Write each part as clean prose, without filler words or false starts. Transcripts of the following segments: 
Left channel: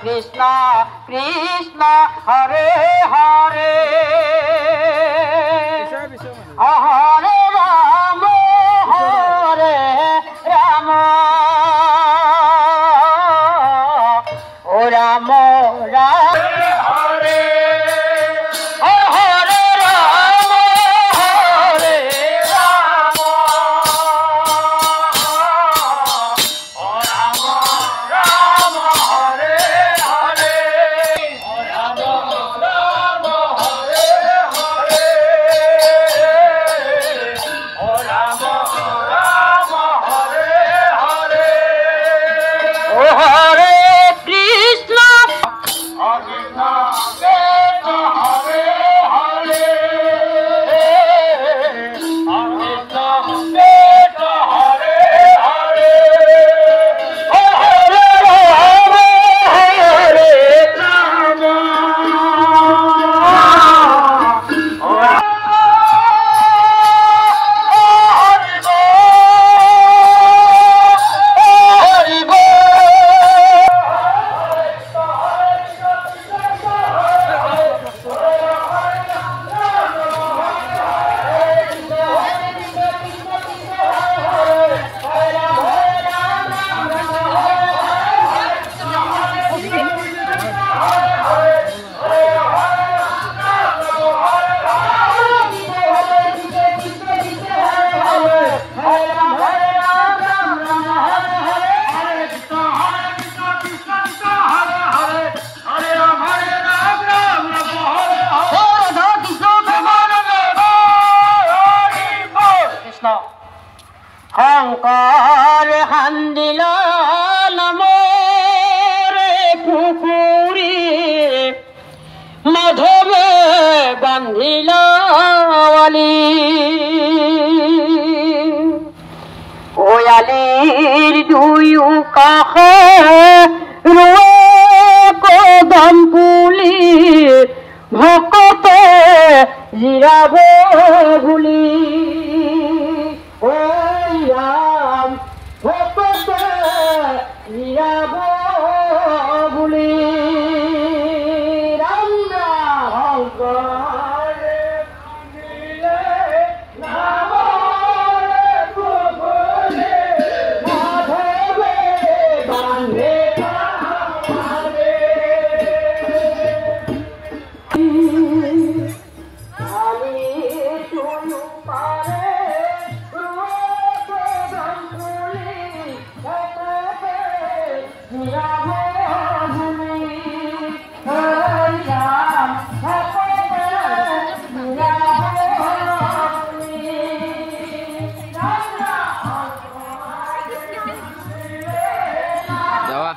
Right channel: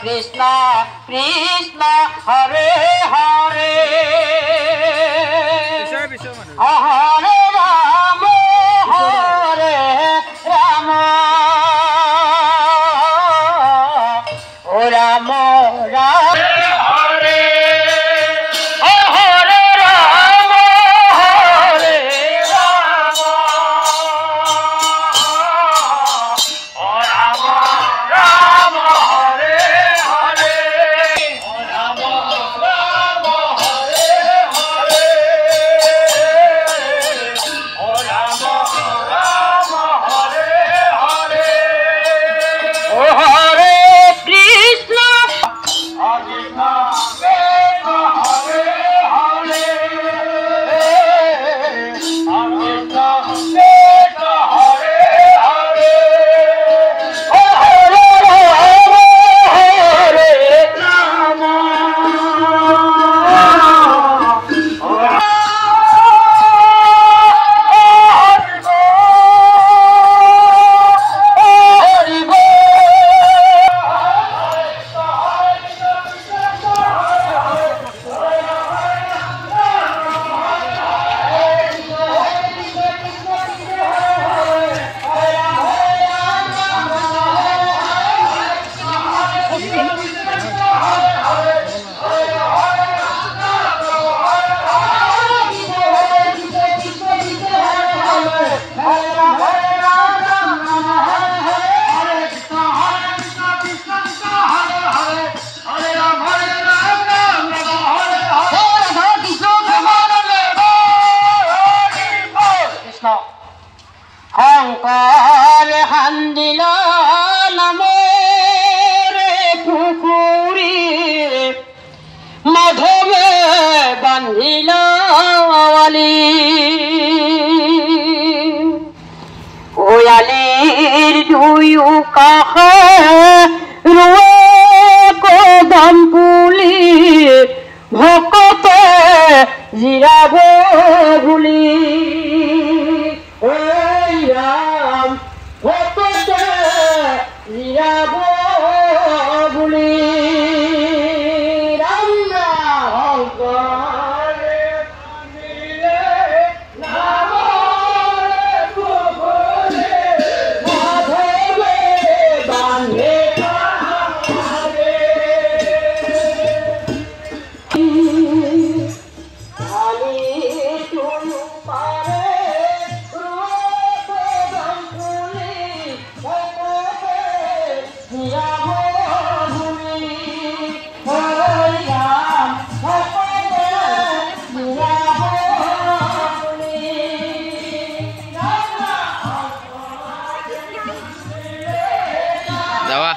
Krishna Krishna Hare Hare Hare Rama Hare Rama O Rama Rama Hare Hare Rama Hare Rama O Rama Rama Hare Hare Rama Rama Hare Hare O Rama Rama Hare Hare O Hare Krishna Krishna Krishna Hare Hare Krishna Krishna Hare Hare O Hare Rama Hare Rama O Hare Shankar হান্দিল নামৰে পুখুৰী মাধৱে বান্ধিল আলি ওয়ালিৰ দুয়ো কাষে ৰুৱে কদম পুলি ভকতে জিৰাব বুলি Ram, Hokote, Yabo, Buli, Ram, Hongkore, Nile, Namore, Kubule, Madhove, Bande, Kamare. Ali, Tulu, Pare, Dawa.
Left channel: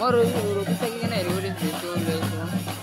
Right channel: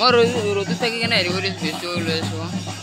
মই ৰ'দত থাকি কেনে হেৰি কৰি ভিডিঅ' লৈ আছোঁ